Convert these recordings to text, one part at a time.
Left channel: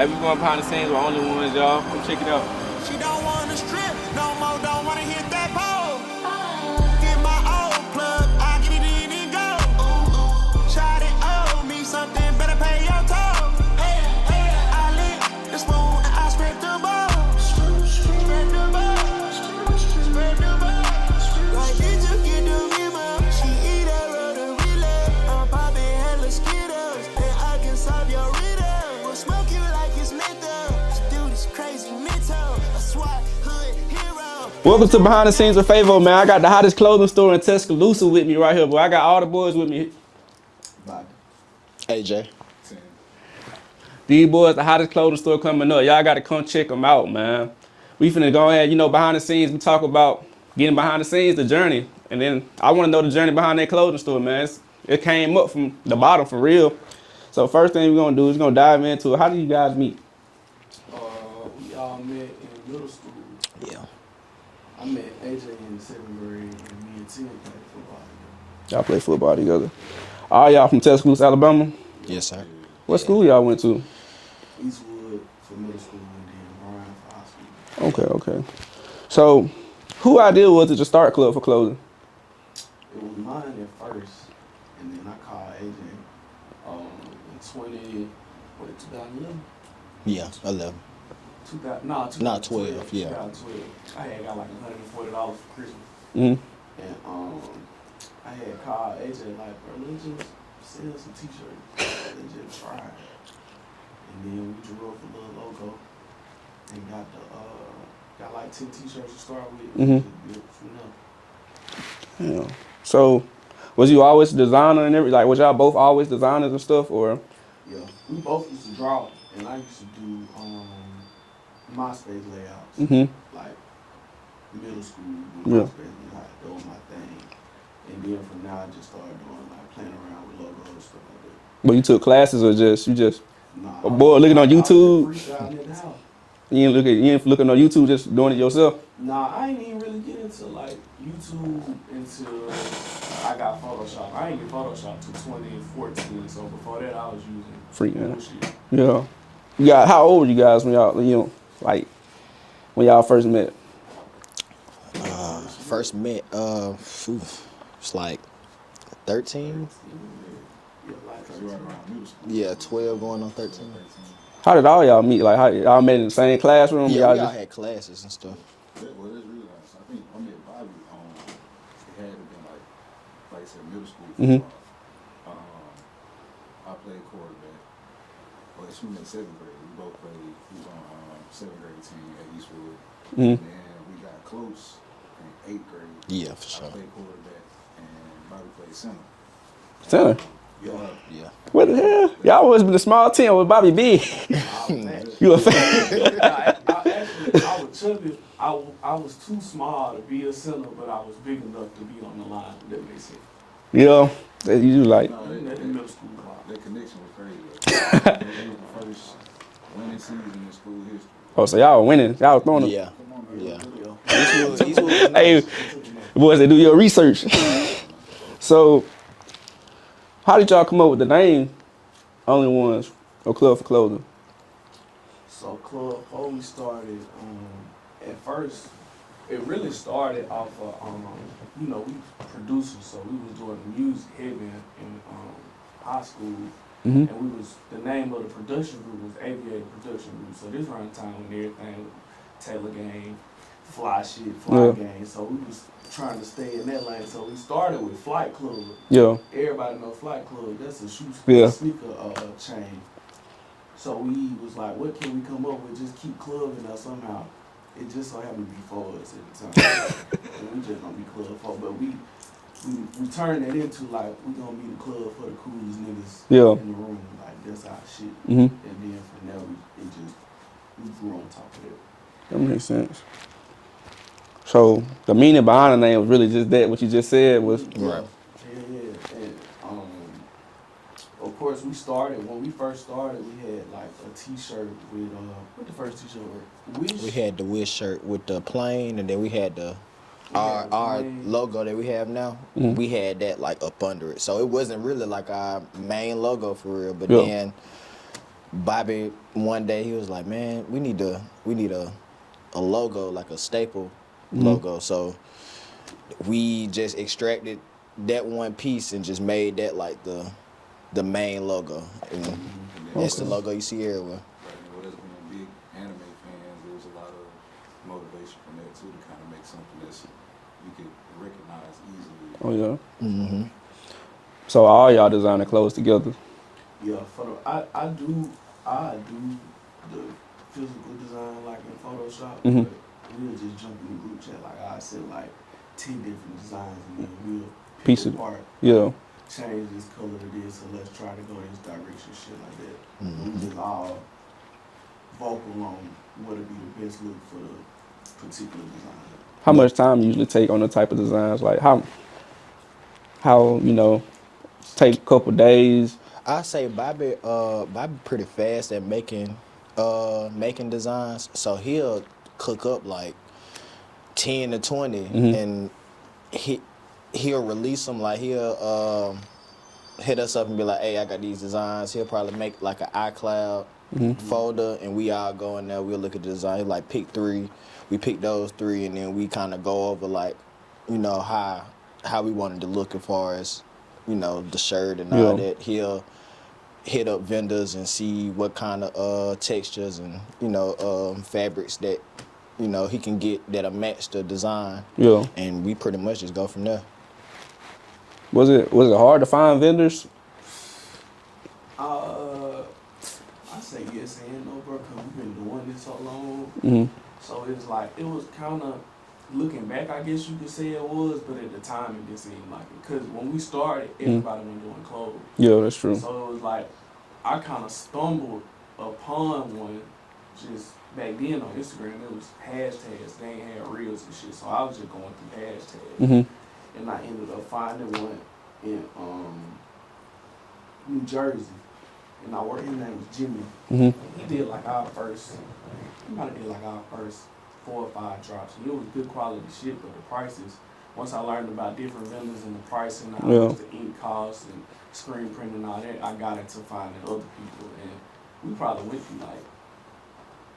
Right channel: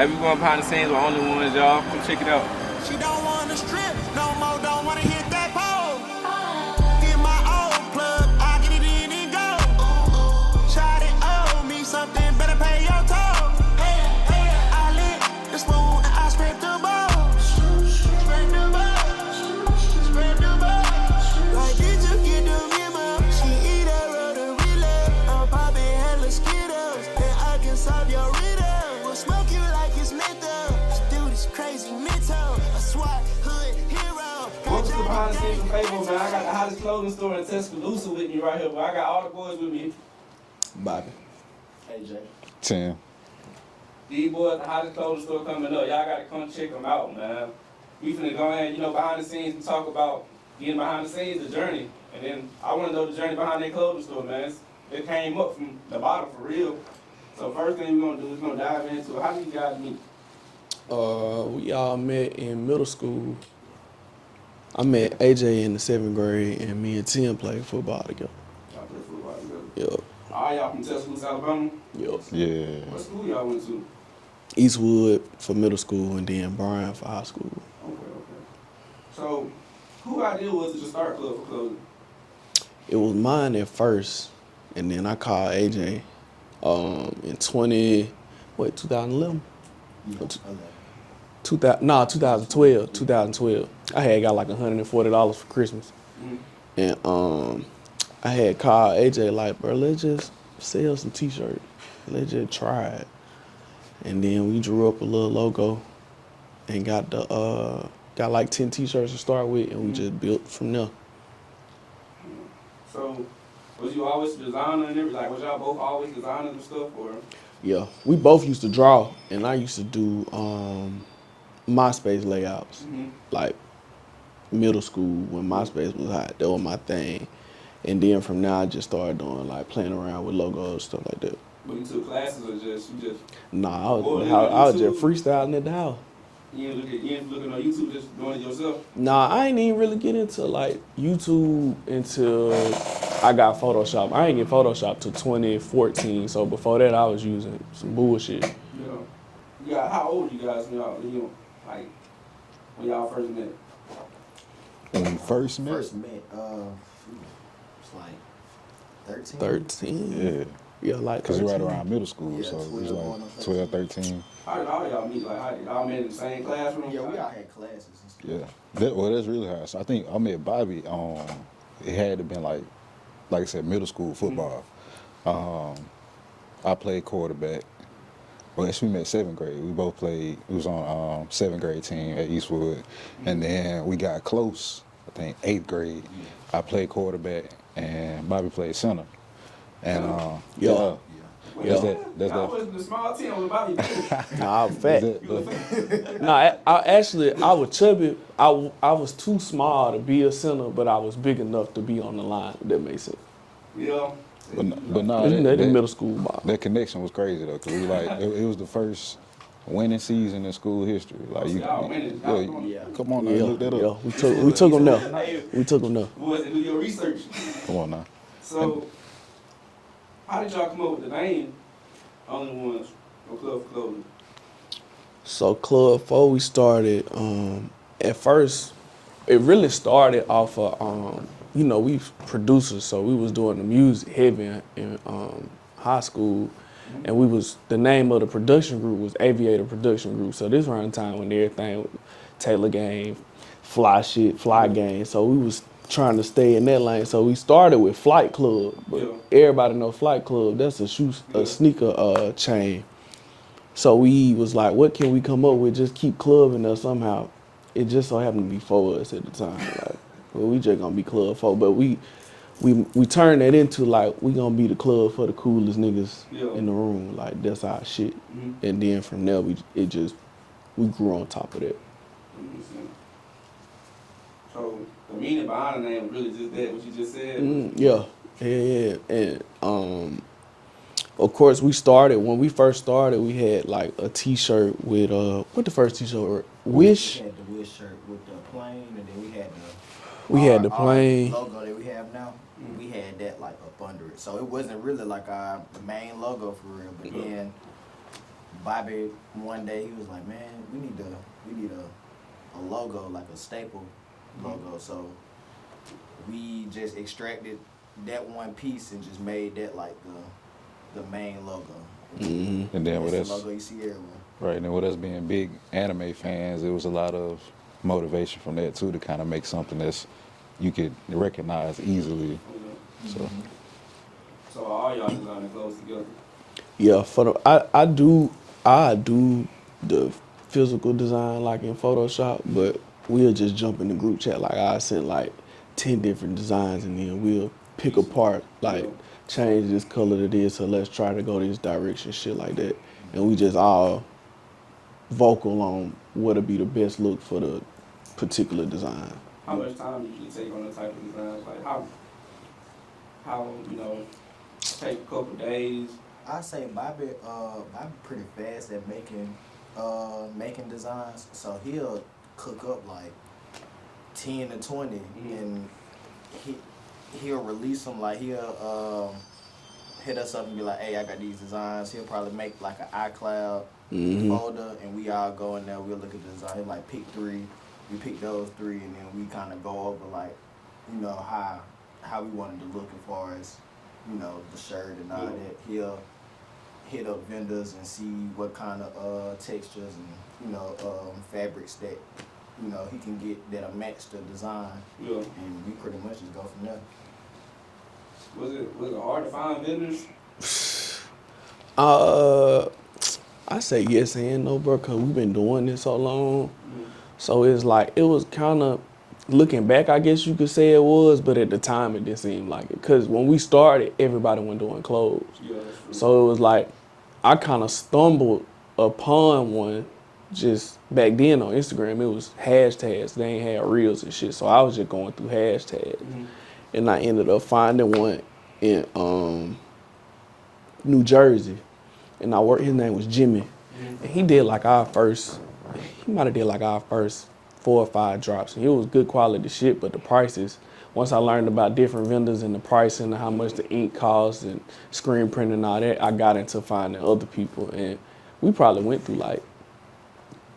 Hey, we going behind the scenes with OnlyOnes, y'all. Come check it out. She don't wanna strip no more, don't wanna hit that pole. Get my old plug, I get it in and go. Shot it, owe me something, better pay your toll. I lit the spoon and I scraped the balls. Spread the balls, spread the balls. Like, did you get the memo? She eat a rotary. I'm popping hella Skittles, and I can solve your riddle. We'll smoke you like it's menthol. This dude is crazy mental. A SWAT hood hero. Welcome to Behind the Scenes with Favo, man. I got the hottest clothing store in Tuscaloosa with me right here, boy. I got all the boys with me. Bobby. AJ. Tim. These boys, the hottest clothing store coming up. Y'all got to come check them out, man. We finna go ahead, behind the scenes. We talk about getting behind the scenes, the journey. And then I want to know the journey behind that clothing store, man. It came up from the bottom for real. So first thing we're going to do is going to dive into it. How did you guys meet? We all met in middle school. Yeah. I met AJ in the 7th grade, and me and Tim played football together. Y'all play football together. Yeah. All y'all from Tuscaloosa, Alabama? Yes, sir. Yeah. What school y'all went to? Eastwood for middle school, and then Bryan for high school. Okay. So, who idea was it to start Club for Clothing? It was mine at first, and then I called AJ in 2011? Yeah, 11. 2012. Yeah. 2012. I had got like $140 for Christmas. Mm-hmm. And I had called AJ like, bro, let's just sell some t-shirts. Let's just try it. And then we drew up a little logo and got like 10 t-shirts to start with, and we just built from there. Yeah. So, was you always a designer and everything? Like, was y'all both always designers and stuff, or? Yeah, we both used to draw, and I used to do MySpace layouts. Like middle school when MySpace was hot, that was my thing. And then from now I just started doing like playing around with logos, stuff like that. But you took classes or you just? Nah, Boy, looking on YouTube. I was just freestyling at the house. You ain't looking on YouTube, just doing it yourself? Nah, I ain't even really get into like YouTube until I got Photoshop. I ain't get Photoshop till 2014, so before that I was using free bullshit. Yeah. How old were you guys when y'all, when y'all first met? First met, it's like 13. 13? Yeah, like Because you're right around middle school. Yeah, so 12 going on 13. 12, 13. How did all y'all meet? Like, how y'all met in the same classroom? Yeah, y'all had classes and stuff. Yeah. That's really hard. So I think I met Bobby it had to been like I said, middle school football. I played quarterback. Well, actually, we met 7th grade. We both played. We was on 7th grade team at Eastwood. And then we got close, I think, 8th grade. Yeah, for sure. I played quarterback, and Bobby played center. Center? Yeah. What the hell? Y'all always been a small team with Bobby B. Nah, I was fat. You a fat? Nah, I was chubby. I was too small to be a center, but I was big enough to be on the line, if that makes sense. Yeah. You like, that middle school ball. That connection was crazy, though. It was the first winning season in school history. Oh, so y'all were winning. Y'all was throwing them. Yeah. Come on, now, look that up. We took them there. Hey, We took them there. boys, they do your research. Come on now. So, how did y'all come up with the name OnlyOnes or Club for Clothing? So Club 4, we started, at first, it really started off of, we producers, so we was doing the music heavy in high school, and the name of the production group was Aviator Production Group. So this around the time when everything was Taylor Gang, Fly Gang, so we was trying to stay in that lane. So we started with Flight Club. Yeah. Everybody know Flight Club. That's a sneaker chain. So we was like, what can we come up with? Just keep clubbing us somehow. It just so happened to be 4 of us at the time. And we just gonna be Club 4. But we turned that into like, we gonna be the club for the coolest niggas in the room. Like, that's our shit. And then from there, we grew on top of that. That makes sense. So the meaning behind the name was really just that, what you just said was? Yeah. And of course, when we first started, we had like a t-shirt with, what the first t-shirt? Wish? We had the Wish shirt with the plane, and then we had the plane logo that we have now. We had that like up under it. So it wasn't really like our main logo for real, but then Bobby one day he was like, man, we need a logo, like a staple logo. So we just extracted that one piece and just made that like the main logo. And then It's with the us, logo you see everywhere. right, and then with us being big anime fans, it was a lot of motivation from that too to kind of make something that's you could recognize easily. Oh yeah. So all y'all designing clothes together. Yeah, for the I do the physical design like in Photoshop, but we'll just jump in the group chat. Like I sent like 10 different designs and then we'll pick Piece it. apart. Like, Yeah. change this color to this, so let's try to go this direction, shit like that. And we just all vocal on what'll be the best look for the particular design. How much time you usually take on the type of designs? Like how take a couple days. I say Bobby pretty fast at making designs. So he'll cook up like 10 to 20 and he'll release them. Like he'll hit us up and be like, hey, I got these designs. He'll probably make like an iCloud folder and we all go in there, we'll look at the design. He'll like pick 3. We pick those 3 and then we kind of go over like, how we wanted to look as far as, the shirt and all that. He'll hit up vendors and see what kind of textures and, fabrics that, he can get that'll match the design. Yeah. And we pretty much just go from there. Was it hard to find vendors? I say yes and no, bro, because we've been doing this so long. So it's like, it was kind of, looking back, I guess you could say it was, but at the time it didn't seem like it. Because when we started, everybody went doing clothes. Yeah, that's true. So it was like, I kind of stumbled upon one just back then on Instagram. It was hashtags. They ain't had reels and shit. So I was just going through hashtags. And I ended up finding one in New Jersey. And his name was Jimmy. And he did like he might have did like our first 4 or 5 drops. And it was good quality shit, but the prices, once I learned about different vendors and the pricing and how much the ink costs and screen printing and all that, I got into finding other people. And we probably went through like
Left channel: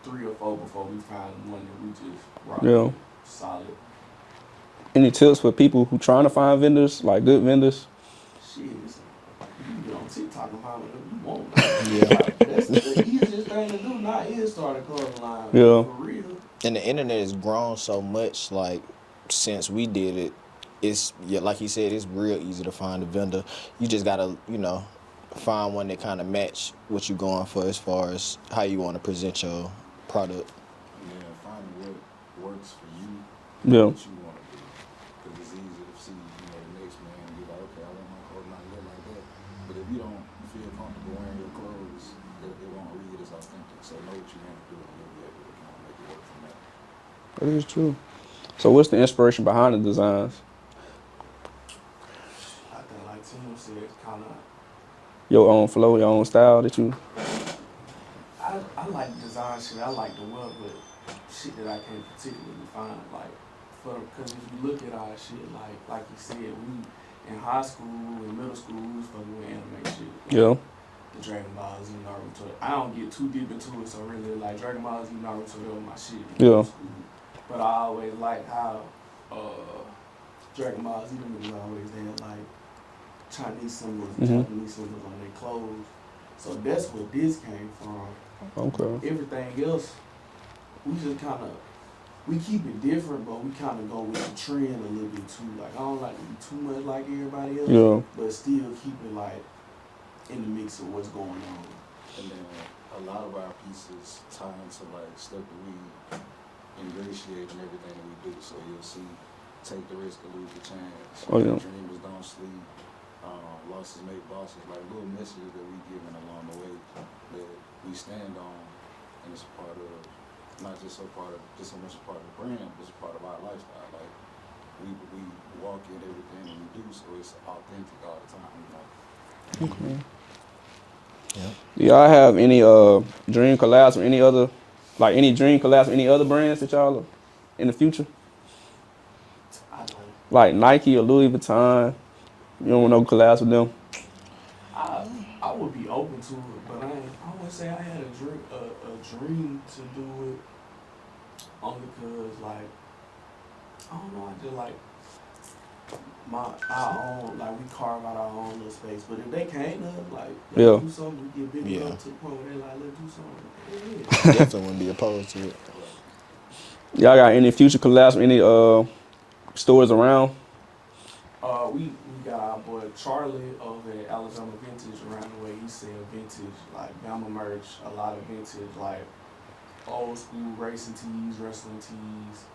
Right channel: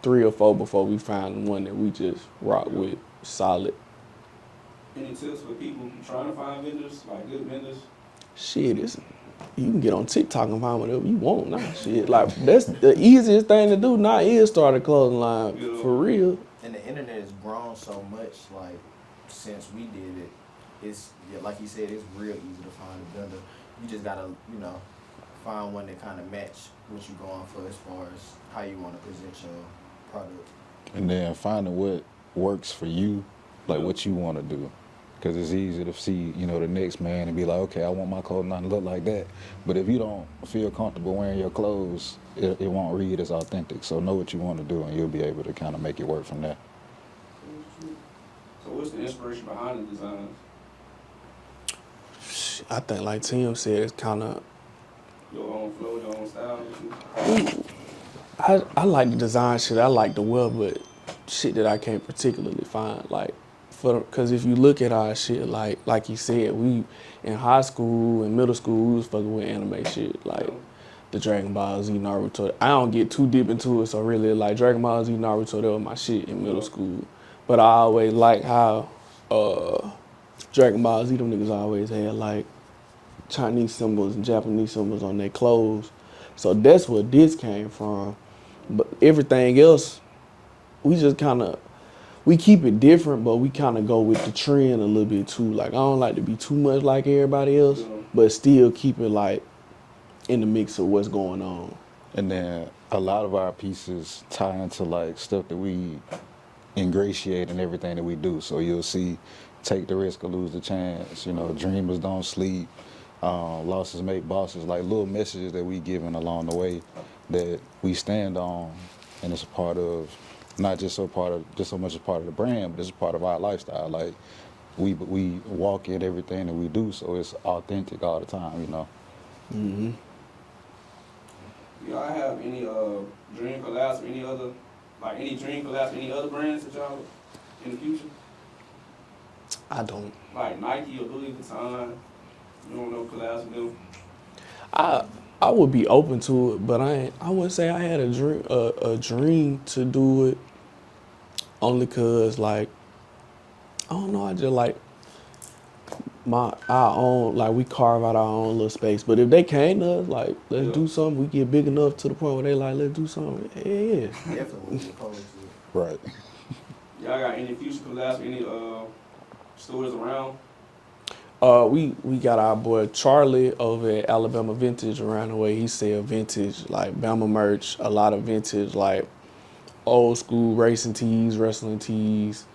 3 or 4 before we found one that we just rocked with solid. Any tips for people who trying to find vendors, like good vendors? Shit, you can get on TikTok and find whatever you want now. Like, that's the easiest thing to do now is start a clothing line. For real. And the internet has grown so much, like, since we did it, it's, like you said, it's real easy to find a vendor. You just gotta, find one that kind of match what you're going for as far as how you want to present your product. And then finding what works for you, like what you want to do. Because it's easy to see, the next man and be like, okay, I want my clothing line to look like that. But if you don't feel comfortable wearing your clothes, it won't read as authentic. So know what you want to do and you'll be able to kind of make it work from there. That is true. So what's the inspiration behind the designs? I think like Tim said, it's kind of Your own flow, your own style that you... I like the design shit. I like the wear, but shit that I can't particularly find. Like, because if you look at our shit, like you said, we in high school and middle school, we was fucking with anime shit. Like the Dragon Ball Z, Naruto. I don't get too deep into it, so really, like Dragon Ball Z, Naruto, that was my shit in middle school. But I always like how Dragon Ball Z, them niggas always had like Chinese symbols and Japanese symbols on their clothes. So that's where this came from. But everything else, we just kind of, we keep it different, but we kind of go with the trend a little bit too. Like, I don't like to be too much like everybody else, but still keep it like in the mix of what's going on. And then a lot of our pieces tie into like stuff that we ingratiate in everything that we do. So you'll see, take the risk or lose the chance. Dreamers don't sleep. Losses make bosses. Like little messages that we given along the way that we stand on, and it's a part of not just so much a part of the brand, but it's a part of our lifestyle. Like we walk in everything that we do, so it's authentic all the time. Do y'all have any dream collabs or any other brands that y'all are in the future? I don't. Like Nike or Louis Vuitton. You don't want no collabs with them? I I would be open to it, but I wouldn't say I had a dream to do it. Only cause like I don't know, I just like our own, like we carve out our own little space. But if they came to us, like let's do something, we get big enough to the point where they like let's do something. Yeah, Definitely wouldn't be opposed to it. Right. Y'all got any future collabs? Any stores around? we got our boy Charlie over at Alabama Vintage around the way. He sell vintage like Bama merch, a lot of vintage like old school racing tees, wrestling tees.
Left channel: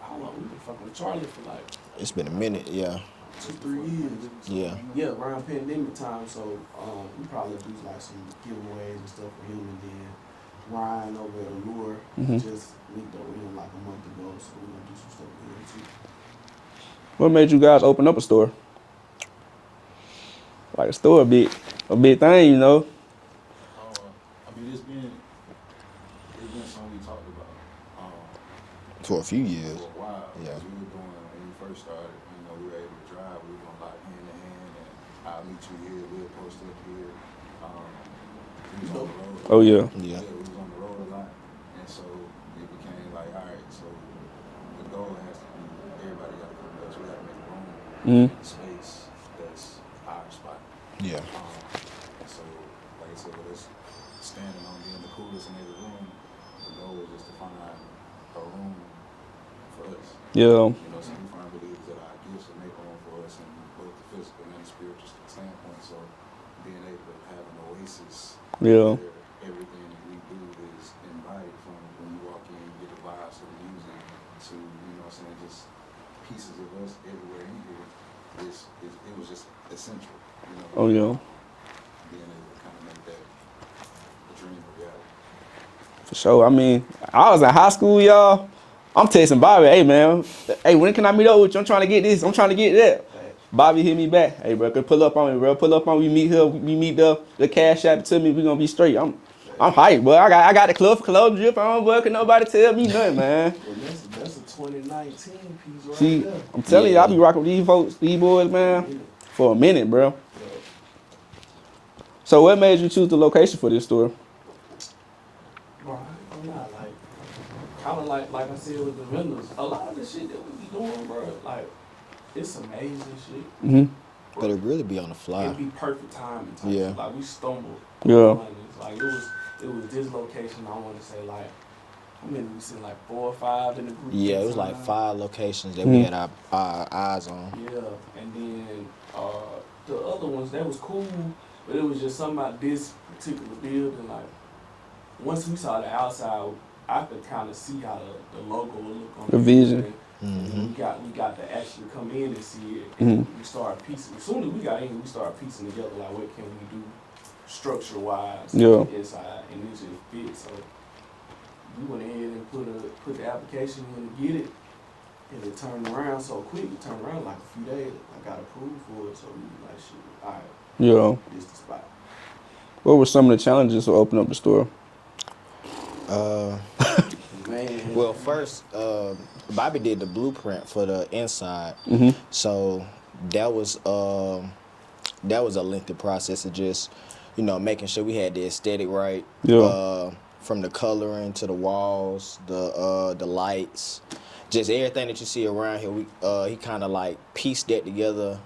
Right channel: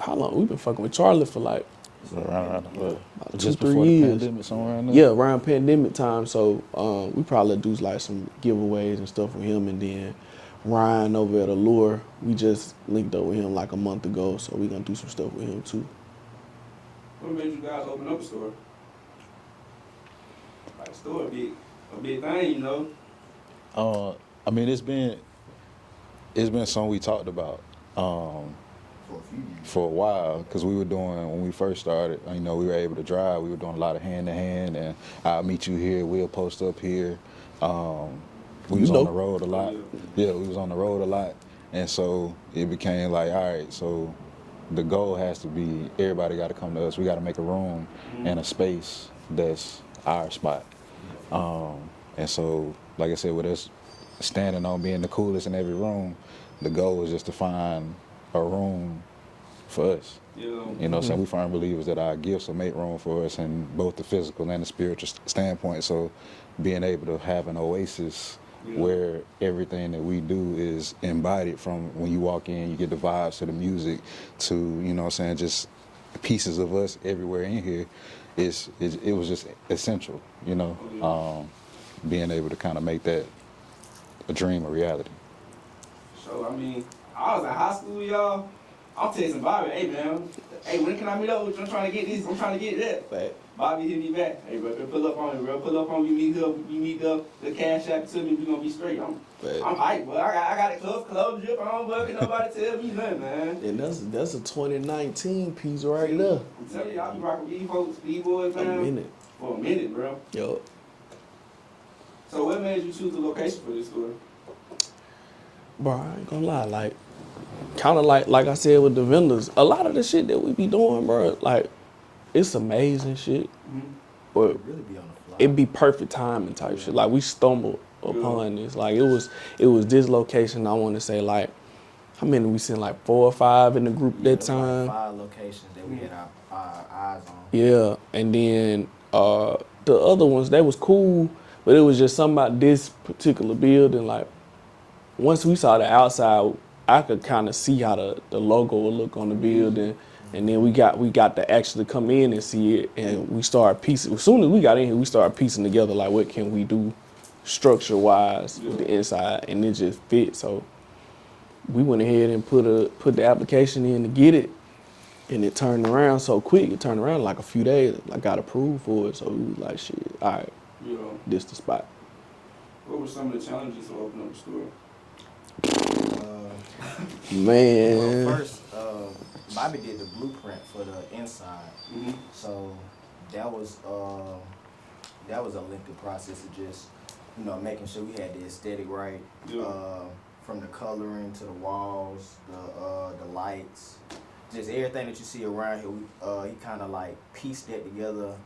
How long? We've been fucking with Charlie for like It's been a minute, yeah. Just 2-3 before the years. pandemic, somewhere around there? Yeah, around pandemic time. So we probably do like some giveaways and stuff with him, and then Ryan over at Allure, we just linked up with him like a month ago, so we're gonna do some stuff with him too. What made you guys open up a store? Like a store, a big thing, you know. I mean, it's been something we talked about For a few years. for a while because we were doing, when we first started, you know, we were able to drive. We were doing a lot of hand-to-hand, and I'll meet you here, we'll post up here. We was on the road a lot. Oh, yeah. Yeah, we was on the road a lot. And so it became like, all right, so the goal has to be everybody got to come to us. We got to make a room and a space that's our spot. Yeah. And so, like I said, with us standing on being the coolest in every room, the goal is just to find a room for us. Yeah. You know, so we firm believers that our gifts will make room for us in both the physical and the spiritual standpoint. So being able to have an oasis where everything that we do is embodied, from when you walk in, you get the vibes to the music to, you know what I'm saying, just pieces of us everywhere in here, it was just essential, you know. Oh, yeah. Being able to kind of make that a dream a reality. For sure. I mean, I was in high school, y'all. I'm texting Bobby, hey man, hey, when can I meet up with you? I'm trying to get this, I'm trying to get that. Bobby hit me back, hey bro, pull up on me, bro. Pull up on me, meet her, we meet the cash app to me, we gonna be straight. I'm hyped, bro. I got the club drip on, bro. Can nobody tell me nothing, man. And that's a 2019 piece right See, there. I'm telling you, I be rocking with these folks, these boys, man, for a minute, bro. Yo. So what made you choose the location for this store? Bro, I ain't gonna lie, like, kind of like I said with the vendors, a lot of the shit that we be doing, bro, like, it's amazing shit. But it really be on the fly. It be perfect timing type shit. Like, we stumbled Yeah. upon this. Like, it was this location, I want to say, like, how many we seen, like 4 or 5 in the group Yeah, that it was time? like 5 locations that we had our eyes on. Yeah, and then the other ones, that was cool, but it was just something about this particular building. Like, once we saw the outside, I could kind of see how the logo would look on the building. And then we got to actually come in and see it, and we started piecing. As soon as we got in here, we started piecing together, like, what can we do structure-wise on the inside, and it just fit. So we went ahead and put the application in to get it, and it turned around so quick. It turned around in like a few days. I got approved for it, so we was like, shit, all right, Yeah. this the spot. What were some of the challenges to open up the store? Man. Well, first, Bobby did the blueprint for the inside, so that was a lengthy process of just, you know, making sure we had the aesthetic right. Yeah. From the coloring to the walls, the lights, just everything that you see around here. He kind of like pieced that together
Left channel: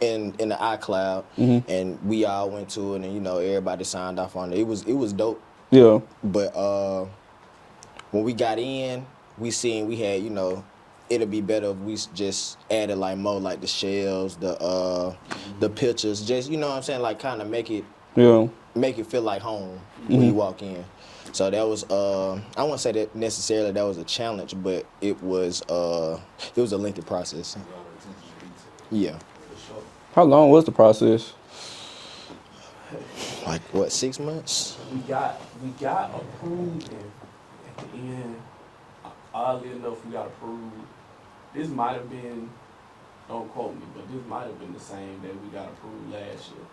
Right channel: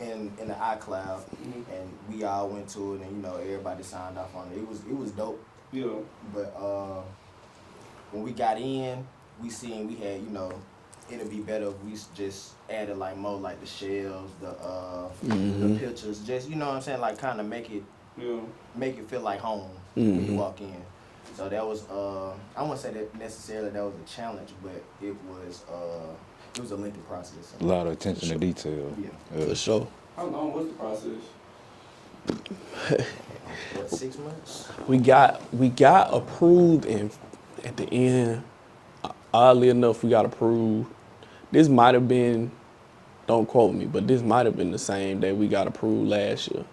in the iCloud, and we all went to it, and you know, everybody signed off on it. It was dope. Yeah. But when we got in, we had, you know, it'll be better if we just added like more like the shelves, the pictures, just, you know what I'm saying, like kind of make it feel like home when you walk in. So that was I won't say that necessarily that was a challenge, but it was a lengthy process. A lot of attention to detail. Yeah, For sure. How long was the process? like what, 6 months? We got approved, and at the end, oddly enough, we got approved. This might have been, don't quote me, but this might have been the same day we got approved last year.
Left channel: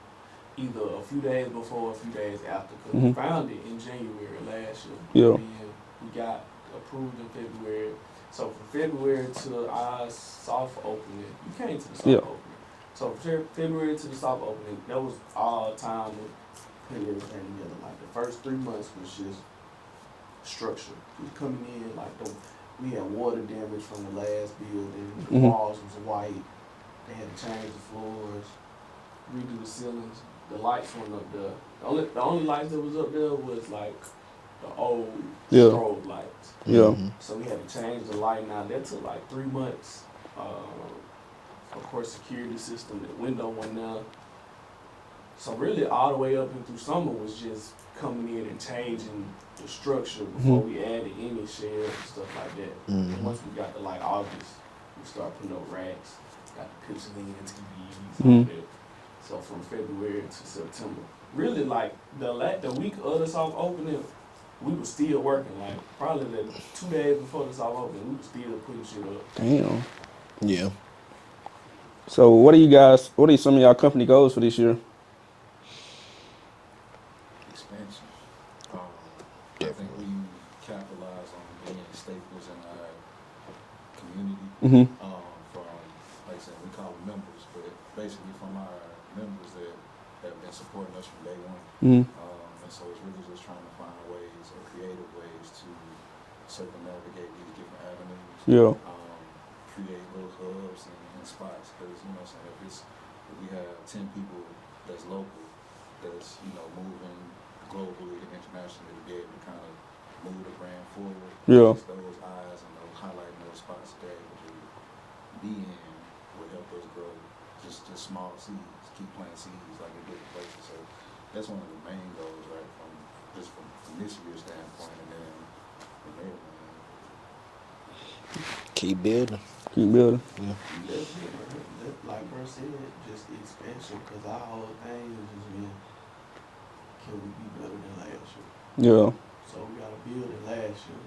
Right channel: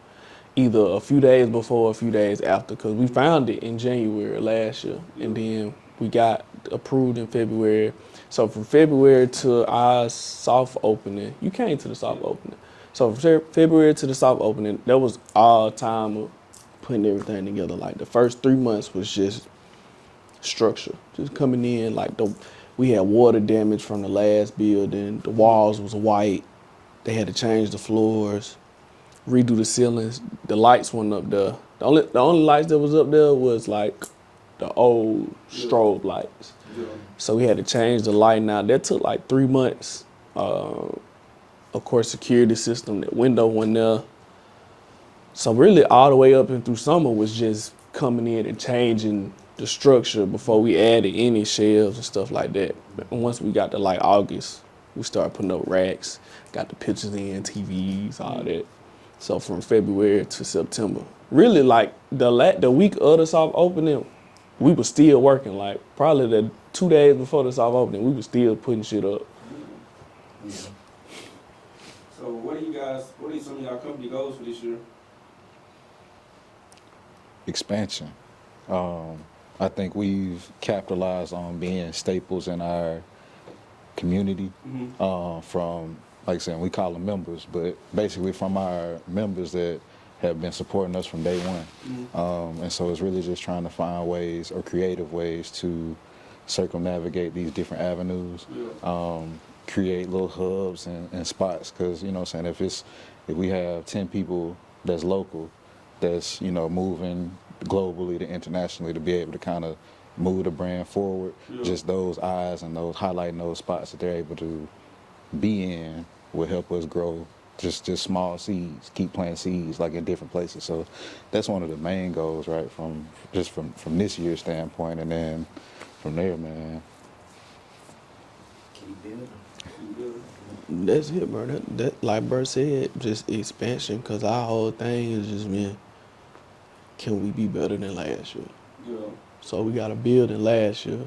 Either a few days before or a few days after, because we found it in January last year. Yeah. And then we got approved in February. So from February to our soft opening, you came to the soft opening. So from February to the soft opening, that was all time of putting everything together. Like the first 3 months was just structure, just coming in. Like we had water damage from the last building. The walls was white. They had to change the floors, redo the ceilings. The lights went up there. The only lights that was up there was like the old strobe lights. Yeah. So we had to change the lighting out. That took like 3 months. Of course, security system, that window went there. So really all the way up and through summer was just coming in and changing the structure before we added any shelves and stuff like that. And once we got to like August, we started putting up racks, got the pictures in, TVs, all that. So from February to September, really like the week of the soft opening, we were still working. Like probably the 2 days before the soft opening, we were still putting shit up. Damn. Yeah. So what are some of y'all company goals for this year? Expansion. I think we've capitalized on being staples in our community. From, like I said, we call them members, but basically from our members that have been supporting us from day one. And so it's really just trying to find ways or creative ways to circumnavigate these different avenues. Yeah. Create little hubs and spots, because you know what I'm saying, if we have 10 people that's local, that's, you know, moving globally to internationally, to be able to kind of move the brand forward, just those eyes and those highlighting those spots that they're able to be in will help us grow just small seeds, keep planting seeds like in different places. So that's one of the main goals, right, from this year's standpoint, and then from there, man. Keep building. Keep building. That's it, bro. That like Bert said, just expansion. Cause our whole thing is just been, can we be better than last year? Yeah. So we got a building last year.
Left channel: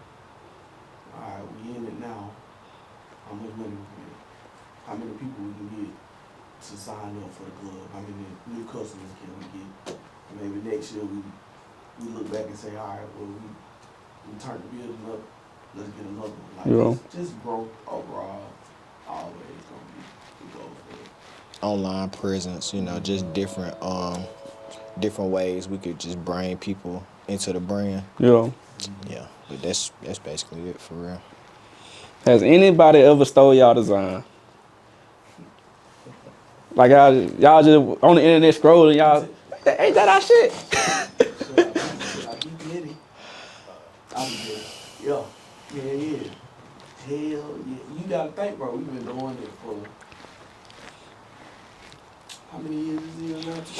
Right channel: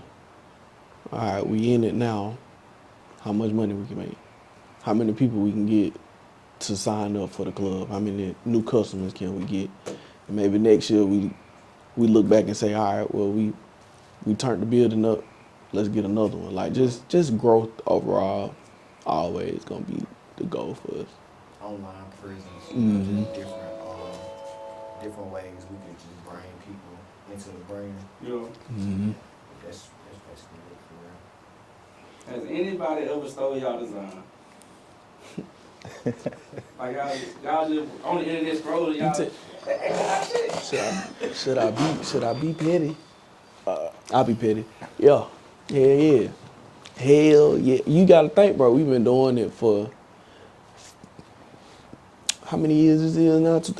All right, we in it now. How much money we can make? How many people we can get to sign up for the club? How many new customers can we get? And maybe next year we look back and say, all right, well we turned the building up. Let's get another one. Like just growth overall, always gonna be the goal for us. Online presence, you know, just different ways we could just bring people into the brand. Yeah. Yeah, but that's basically it for real. Has anybody ever stole y'all design? Like y'all just on the internet scrolling, y'all, ain't that our shit? Should I be petty? I'll be petty. Yeah. Yeah. Hell yeah. You gotta think, bro, we've been doing it for how many years is it now? It's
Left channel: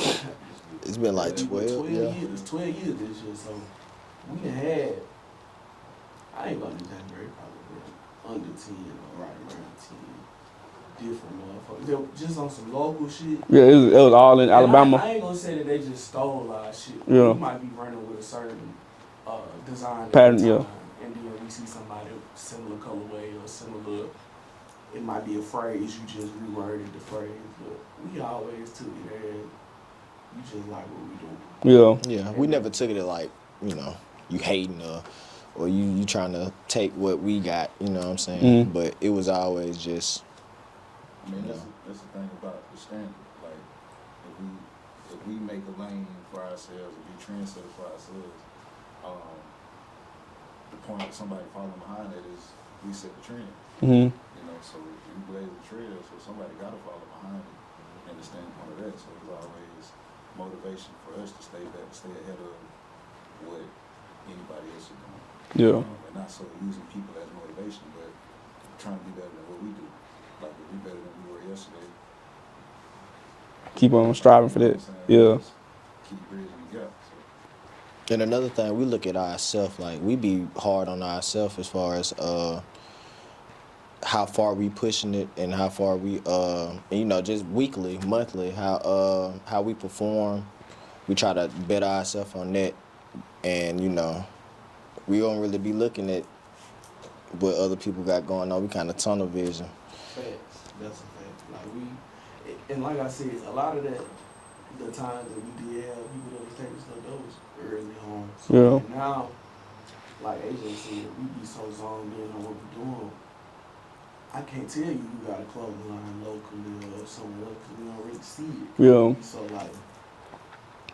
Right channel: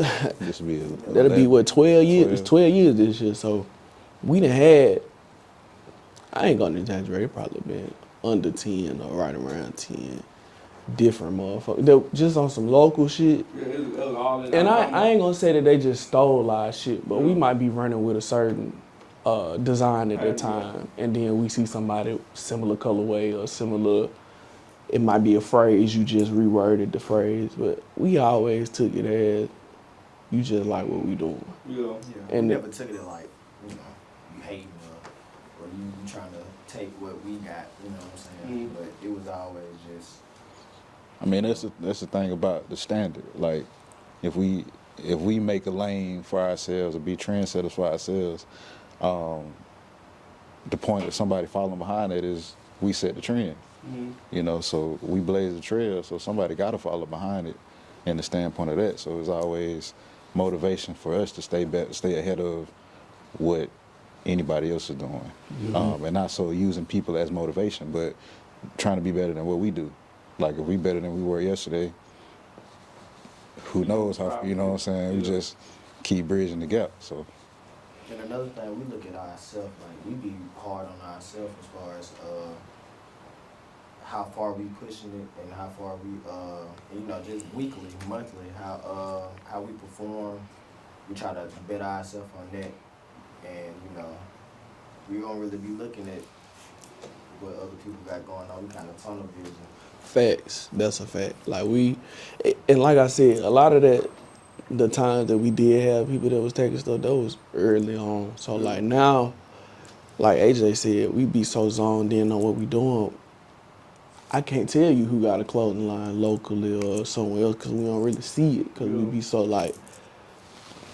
been That'll be what, 12 years? It's 12 years this year. So we done had, I ain't gonna exaggerate, it probably been under 10 or right around 10 different motherfuckers. They were just on some local shit. Yeah, it was all in Alabama. I ain't gonna say that they just stole our shit, but we might be running with a certain design at the time, and then we see somebody similar colorway or similar, it might be a phrase, you just reworded the phrase, but we always took it as, you just like what we doing. Yeah. Yeah, And we never took it like, you know, you hating or you trying to take what we got, you know what I'm saying? But it was always just, I mean, that's the thing about the standard. Like, if we make a lane for ourselves or be trendsetters for ourselves, the point of somebody following behind it is we set the trend. You know, so we blaze the trail, so somebody got to follow behind it in the standpoint of that. So it's always motivation for us to stay ahead of what anybody else is doing. Yeah. And not so using people as motivation, but trying to be better than what we do. Like, if we better than we were yesterday, keep on striving for that. You know what I'm saying? Yeah. Just keep bridging the gap. So. and another thing, we look at ourselves, like we be hard on ourselves as far as how far we pushing it and how far we, you know, just weekly, monthly, how we perform. We try to better ourselves on that, and you know, we don't really be looking at what other people got going on. We kind of tunnel vision. Facts. That's a fact. Like and like I said, a lot of that, the times that we did have people that was taking stuff, that was early on. So like now, like AJ said, we be so zoned in on what we doing. I can't tell you who got a clothing line locally or somewhere else because we don't really see it. 'Cause Yeah. we be so like,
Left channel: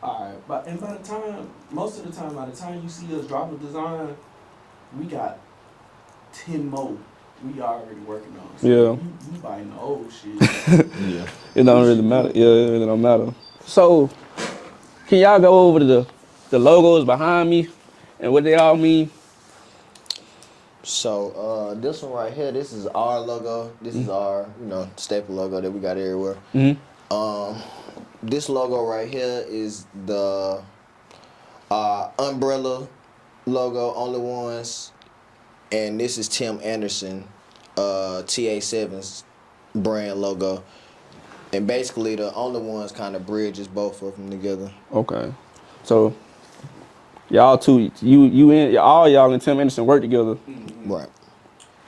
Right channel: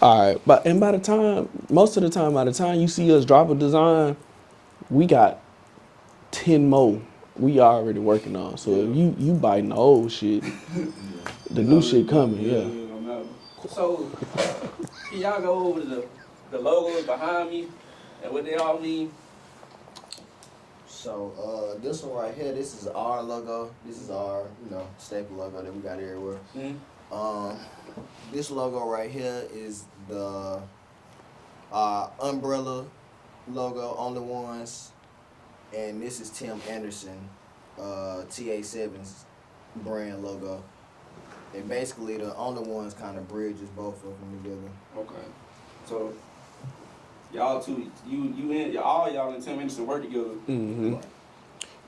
all right. But by the time, most of the time, by the time you see us drop a design, we got 10 more we already working on. So Yeah. you biting the old shit. Yeah. It don't New really shit matter. coming, Yeah, it really don't matter. So, can y'all go over to the logos behind me and what they all mean? So this one right here, this is our logo. This is our, staple logo that we got everywhere. Mm-hmm. This logo right here is the umbrella logo, OnlyOnes, and this is Tim Anderson, TA7's brand logo. And basically, the OnlyOnes kind of bridges both of them together. Okay. So, y'all two, all y'all and Tim Anderson work together. Mm-hmm. Right.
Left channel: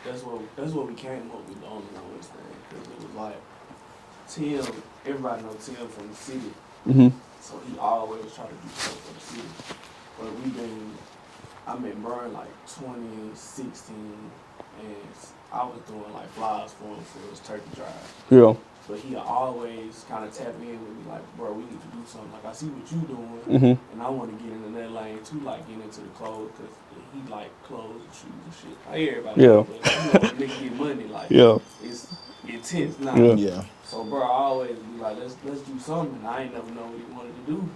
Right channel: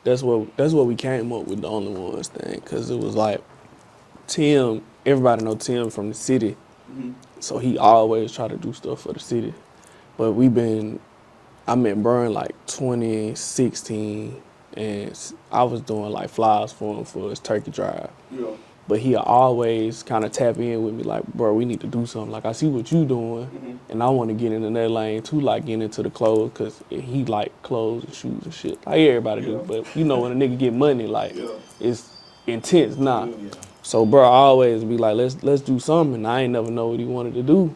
That's what we came up with the Only Ones thing, because it was like Tim. Everybody know Tim from the city, so he always try to do stuff for the city. But I met Brian like 2016, and I was doing like flyers for him for his turkey drive. Yeah. But he always kind of tap in with me like, bro, we need to do something. Like, I see what you doing, and I want to get into that lane too, like getting into the clothes, because he like clothes and shoes and shit. Like everybody do, but when a nigga get money, like, it's intense now. Yeah. So, bro, I always be like, let's do something. And I ain't never know what he wanted to do.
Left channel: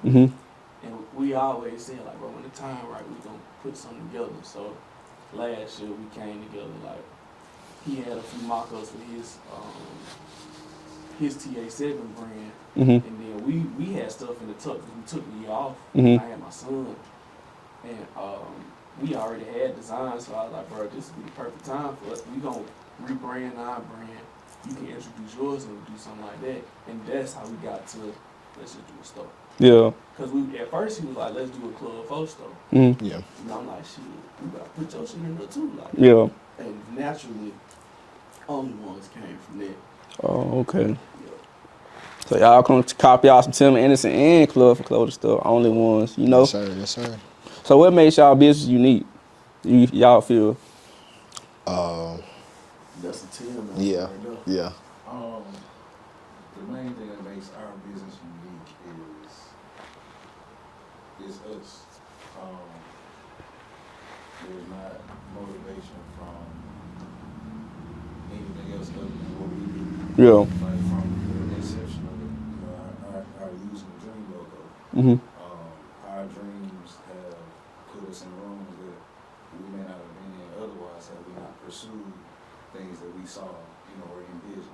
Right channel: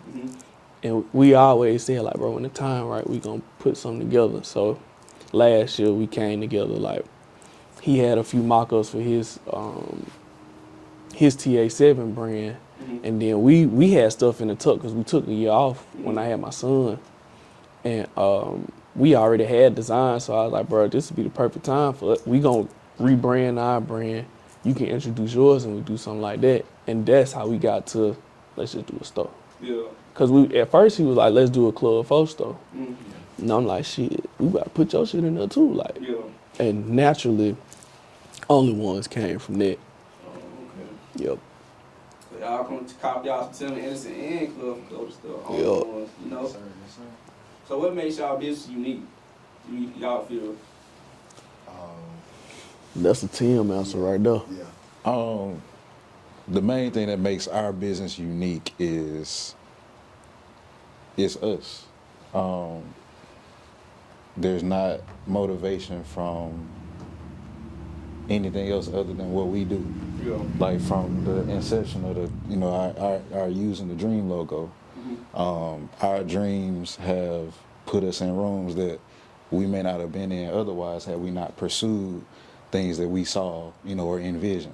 And we always said, like, bro, when the time right, we gonna put something together. So last year we came together, like, he had a few mock-ups for his TA7 brand, and then we had stuff in the tuck because we took a year off when I had my son, and we already had designs. So I was like, bro, this would be the perfect time for it. We gonna rebrand our brand. You can introduce yours, and we do something like that. And that's how we got to let's just do a store. Yeah. Cause at first he was like, let's do a Club 4 store. Yeah. And I'm like, shit, we gotta put your shit in there too, like. Yeah. And naturally, Only Ones came from that. Oh, okay. Yep. So y'all come to copy out some Tim Anderson and Club for Clothing Store, Only Ones, you know? Yes, sir. Yes, sir. So what makes y'all business unique? Y'all feel? That's a Tim answer right there. Yeah. The main thing that makes our business unique is us. There's not motivation from anything else other than what we do. Yeah. Like from the inception of our using the dream logo. Our dreams have put us in rooms that we may not have been in otherwise had we not pursued things that we saw, or envisioned.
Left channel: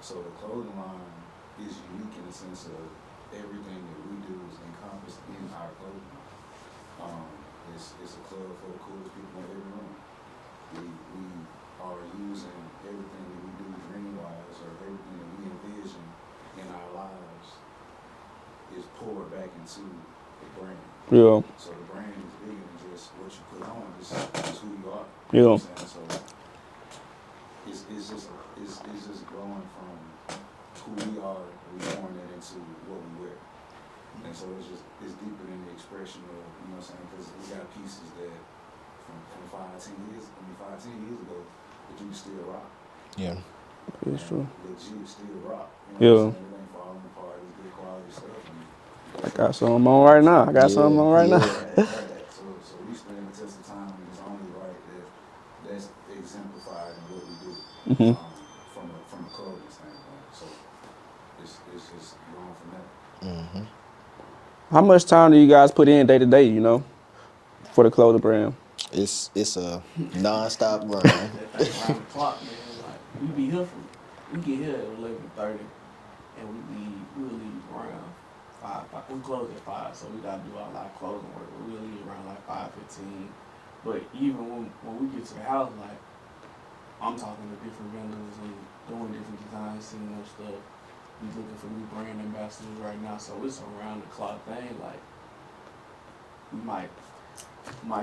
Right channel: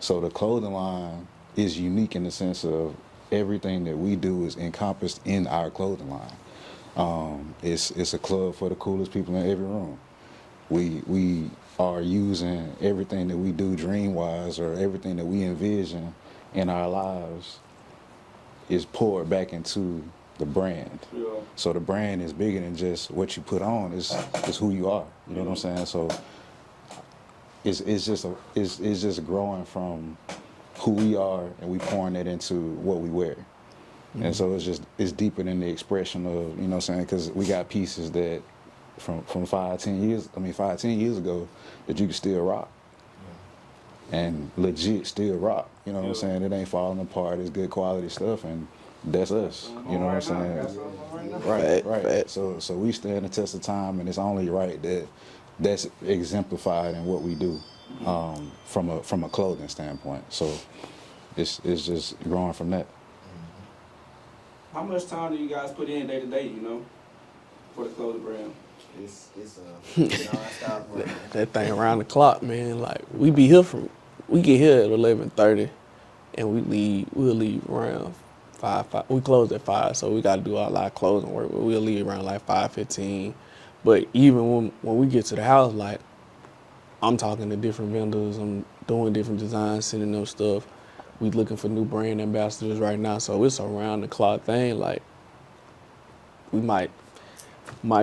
So the clothing line is unique in the sense of everything that we do is encompassed in our clothing line. It's a club for the coolest people in every room. We are using everything that we do dream-wise or everything that we envision in our lives is poured back into the brand. Yeah. So the brand is bigger than just what you put on. It's who you are. You know what I'm saying? So it's just growing from who we are and we pouring it into what we wear. And so it's deeper than the expression of, you know what I'm saying? Because we got pieces that from 5-10 years ago that you can still rock. Yeah. And legit still rock. You know what I'm saying? It ain't falling apart. It's good quality stuff, and that's I got us. something You on know what right I'm now. saying? I got something on right now. Right. So we stand the test of time, and it's only right that that's exemplified in what we do from a clothing standpoint. So it's just growing from that. How much time do you guys put in day to day, for the clothing brand? It's a non-stop run. That thing around the clock, man. Like, we get here at 11:30, and we'll leave around 5. We close at 5, so we got to do all our closing work. But we'll leave around like 5:15. But even when we get to the house, like, I'm talking to different vendors, I'm doing different designs, sending them stuff. We looking for new brand ambassadors right now, so it's a round the clock thing. Like, we might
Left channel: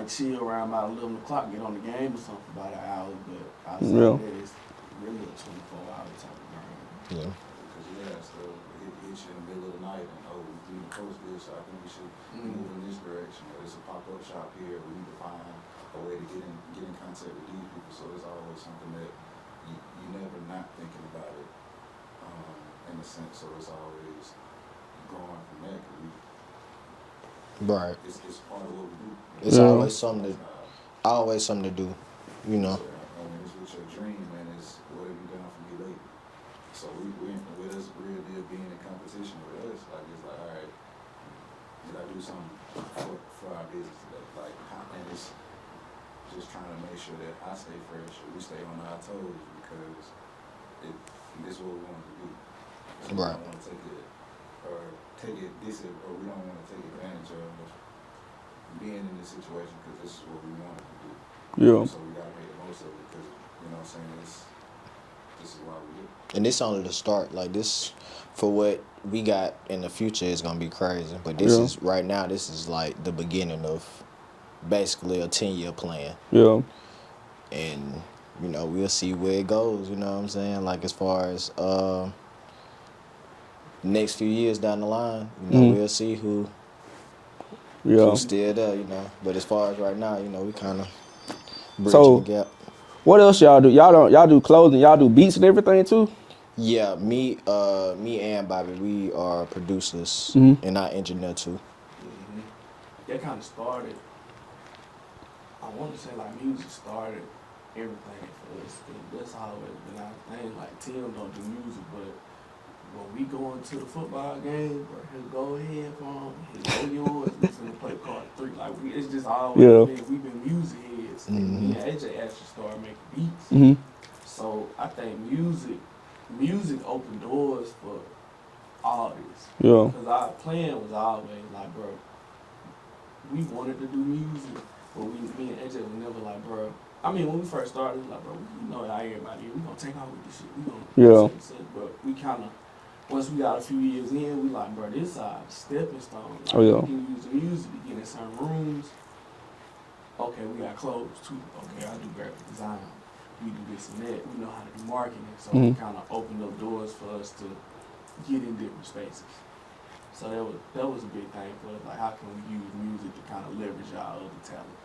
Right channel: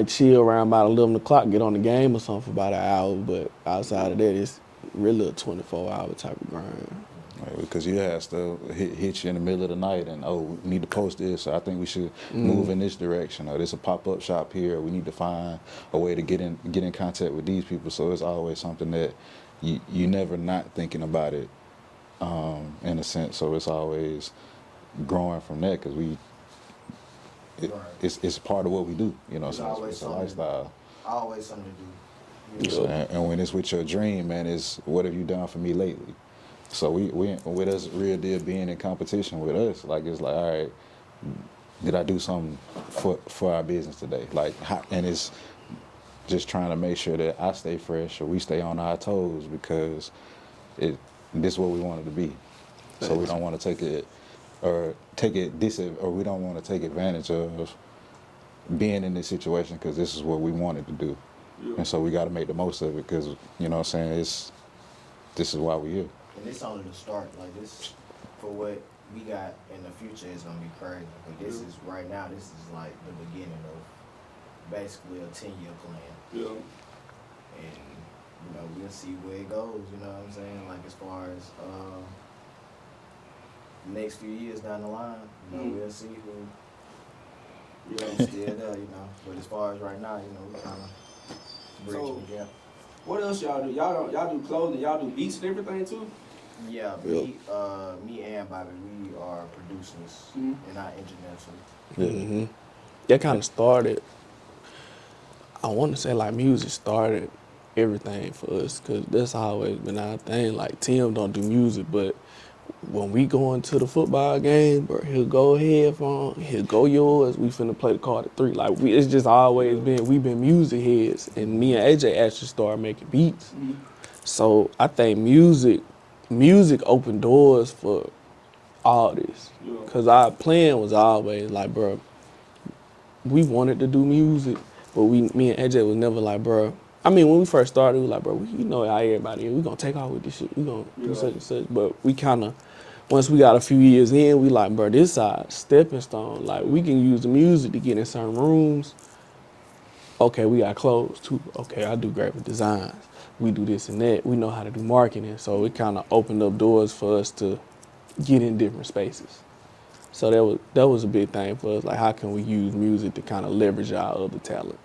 chill around about 11 o'clock, get on the game or something for about an hour, but outside of that, it's really a 24-hour type of grind. Yeah. Right, because you have stuff hit you in the middle of the night and, we need to post this, so I think we should move in this direction, or there's a pop-up shop here, we need to find a way to get in contact with these people. So it's always something that you never not thinking about it, in a sense. So it's always growing from that because Right. it's part of what we do. You know, It's so always it's something. lifestyle. Always something to do. You know. So, and when it's with your dream, man, it's what have you done for me lately? So we with us real deal being in competition with us, like it's like, all right, did I do something for our business today? Like, and it's just trying to make sure that I stay fresh or we stay on our toes because this is what we want it to be. So we don't want to take it or we don't want to take advantage of being in this situation because this is what we wanted to do. Yeah. And so we got to make the most of it because, you know what I'm saying, this is why we're here. And this only the start. Like this, for what we got in the future is gonna be crazy. But this is right now. This is like the beginning of basically a 10-year plan. Yeah. And you know we'll see where it goes. You know what I'm saying? Like as far as next few years down the line, you know we'll see who's still there. You know. But as far as right now, you know we kind of bridging the gap. What else y'all do? Y'all do clothing, y'all do beats and everything too? Yeah, me and Bobby, we are producers and I engineer too. Mm-hmm. That kind of started. I want to say like music started everything for us because that's always been our thing. Like Tim don't do music, but when we go into the football game, bro, he'll go headphone, he'll go yours. We finna play the card at 3. Like it's just always been we've been music heads, and me and AJ actually started making beats. So I think music opened doors for all this. Yeah. Because our plan was always like, bro, we wanted to do music, but me and AJ was never like, bro. I mean, when we first started, we was like, bro, you know how everybody is. We gonna take off with this shit. We gonna do such and such. But we kind of, once we got a few years in, we like, bro, this our stepping stone. Like, we can use the music to get in certain rooms. Okay, we got clothes too. Okay, I do graphic designs. We do this and that. We know how to do marketing. So we kind of opened up doors for us to get in different spaces. So that was a big thing for us. Like, how can we use music to kind of leverage our other talent?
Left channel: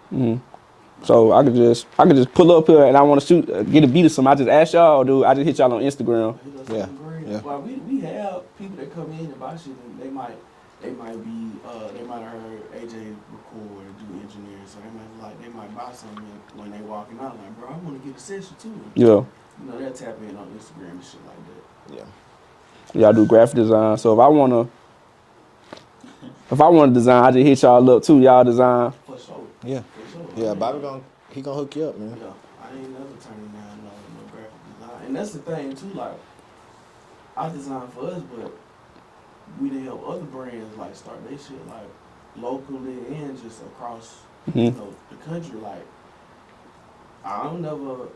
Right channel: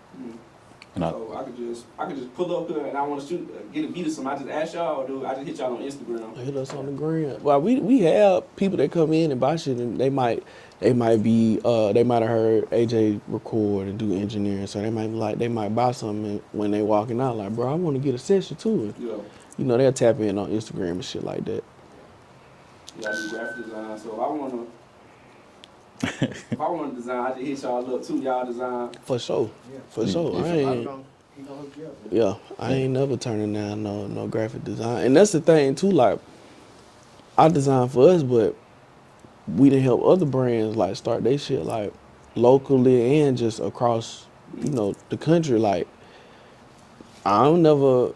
So I could just pull up here and I want to get a beat of something. I just ask y'all, or do I just hit y'all on Instagram? Hit us on the gram. Yeah. Well, we have people that come in and buy shit, and they might have heard AJ record and do engineering, so they might buy something when they walking out. Like, bro, I want to get a session too. Yeah. You know, they'll tap in on Instagram and shit like that. Yeah. Y'all do graphic design. So if I wanna design, I just hit y'all up too. Y'all design. For sure. Yeah, for sure. Yeah, Bobby he gonna hook you up, man. Yeah, I ain't never turning down no graphic design. And that's the thing too, like, I design for us, but we done help other brands like start their shit like locally and just across you know the country. Like, I don't never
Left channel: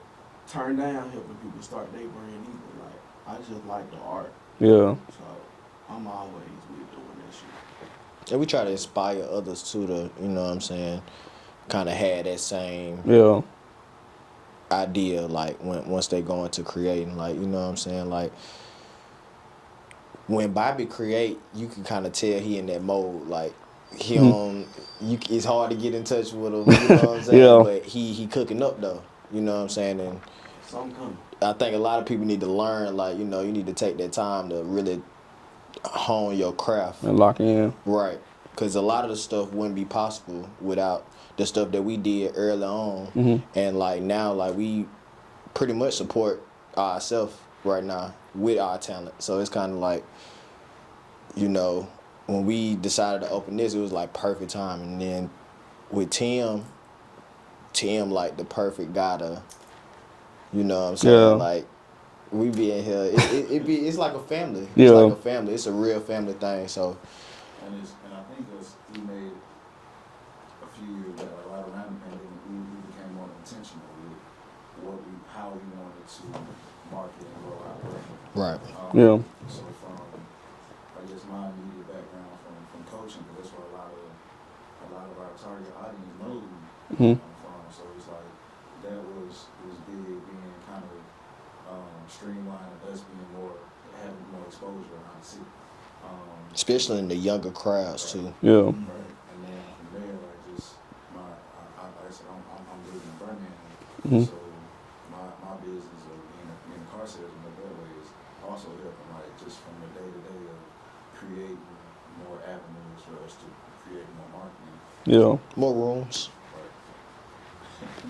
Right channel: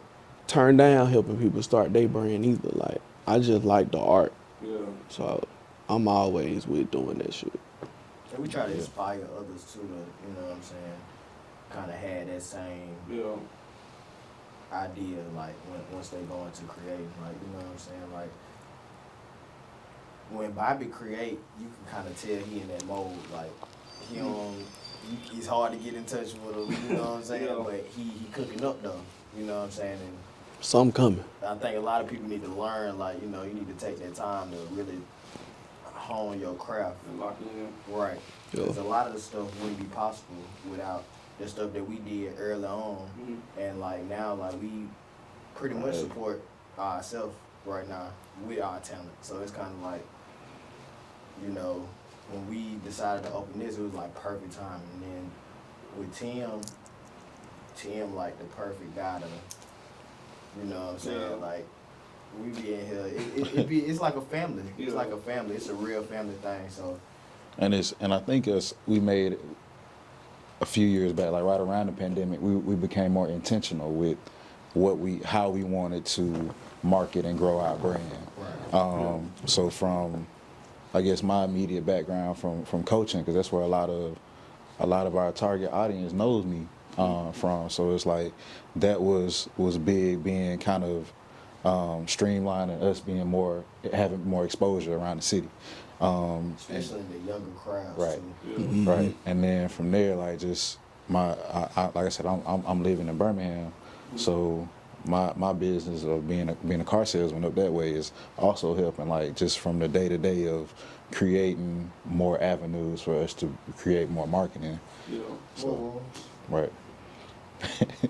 turn down helping people start their brand either. Like, I just like the art. Yeah. So I'm always with doing that shit. And we try to inspire others too to, you know what I'm saying, kind of have that same idea, like once they go into creating, like, you know what I'm saying, like when Bobby create, you can kind of tell he in that mode, like it's hard to get in touch with him, you know what I'm saying, but he cooking up though, you know what I'm saying, and something coming. I think a lot of people need to learn, like, you know, you need to take that time to really hone your craft And lock in. Right, because a lot of the stuff wouldn't be possible without the stuff that we did early on, and like now, like we pretty much support ourselves right now with our talent. So it's kind of like, you know, when we decided to open this, it was like perfect time, and then with Tim like the perfect guy to, you know what I'm saying, like. We be in here. It's like a family. It's like a family. It's a real family thing. So, and I think we made a few years back, like right around the pandemic, we became more intentional with how we wanted to market and grow our brand. right. So from, I guess, my immediate background from coaching, because that's where a lot of our target audience knows me from. So it's like that was big, being kind of streamlining us, having more exposure around the city, Especially in the younger crowds too. Yeah. Right, and then from there, like just like I said, I'm living in Birmingham, so my business of being a car salesman up that way is also helping, like, just from the day-to-day of creating more avenues for us to create more marketing. Yeah. More rooms. Right.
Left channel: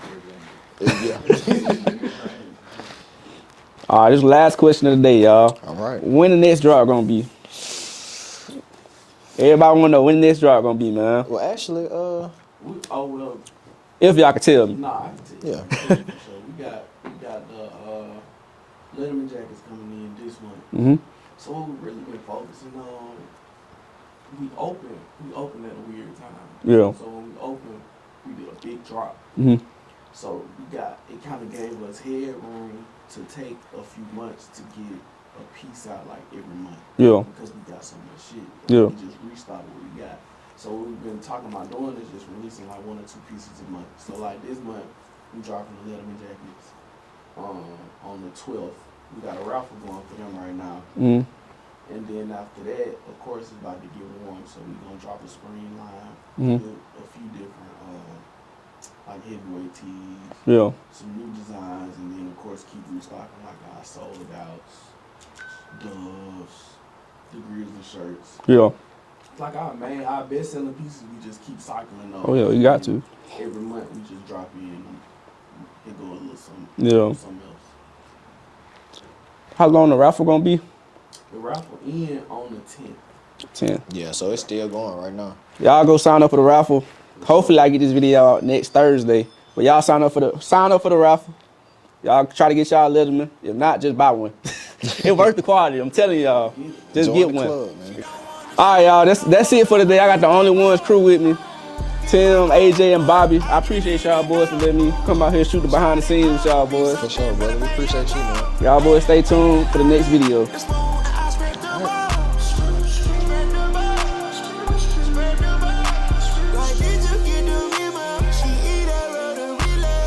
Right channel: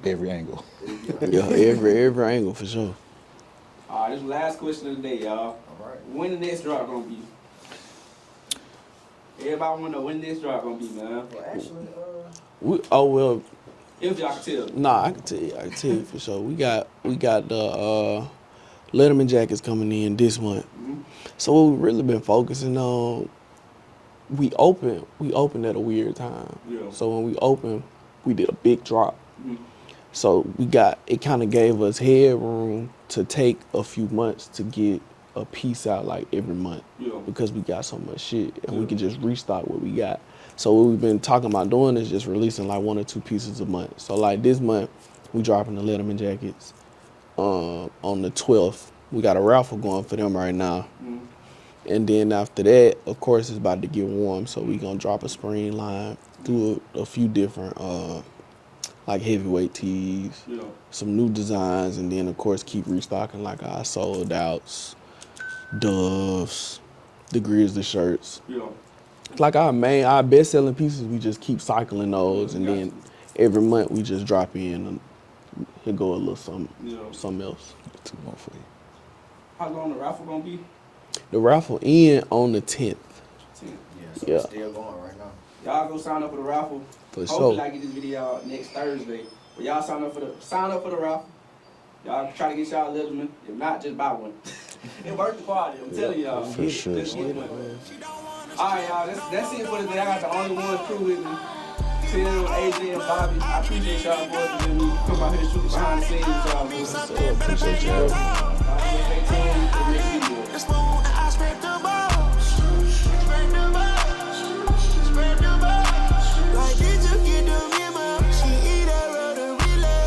Every angle. every angle for sure. All right, this is the last question of the day, y'all. All right. When the next drop gonna be? Everybody wanna know when the next drop gonna be, man. Well, actually, Well, If y'all can tell me. nah, I can tell you for sure. We got the Letterman jackets coming in this month. Mm-hmm. So what we've really been focusing on, we opened at a weird time. Yeah. So when we opened, we did a big drop. Mm-hmm. So it kind of gave us headroom to take a few months to get a piece out like every month. Yeah. Because we got so much shit. And Yeah. we can just restock what we got. So what we've been talking about doing is just releasing like 1 or 2 pieces a month. So like this month, we dropping the Letterman jackets. On the 12th, we got a raffle going for them right now. Mm-hmm. And then after that, of course, it's about to get warm. So we gonna drop a spring line, do a few different like heavyweight tees, Yeah. some new designs, and then of course keep restocking like our sold outs, Doves, the Grizzly shirts. Yeah. Like our best selling pieces, we just keep cycling those. Oh, yeah, you and got then every month we just drop in and he'll go a little something. Yeah. Something else. How long the raffle gonna be? The raffle end on the 10th. 10. yeah, so it's still going right now. Y'all go sign up for the raffle. For Hopefully sure. I get this video out next Thursday. But y'all sign up for the raffle. Y'all try to get y'all Letterman. If not, just buy one. It's worth the quality. I'm telling y'all. sure. Just Join get the one. club. All right, y'all. That's it for today. I got the OnlyOnes crew with me. Tim, AJ, and Bobby. I appreciate y'all boys for letting me come out here and shoot the behind the scenes with y'all boys. Y'all boys stay tuned for the next video. It's smooth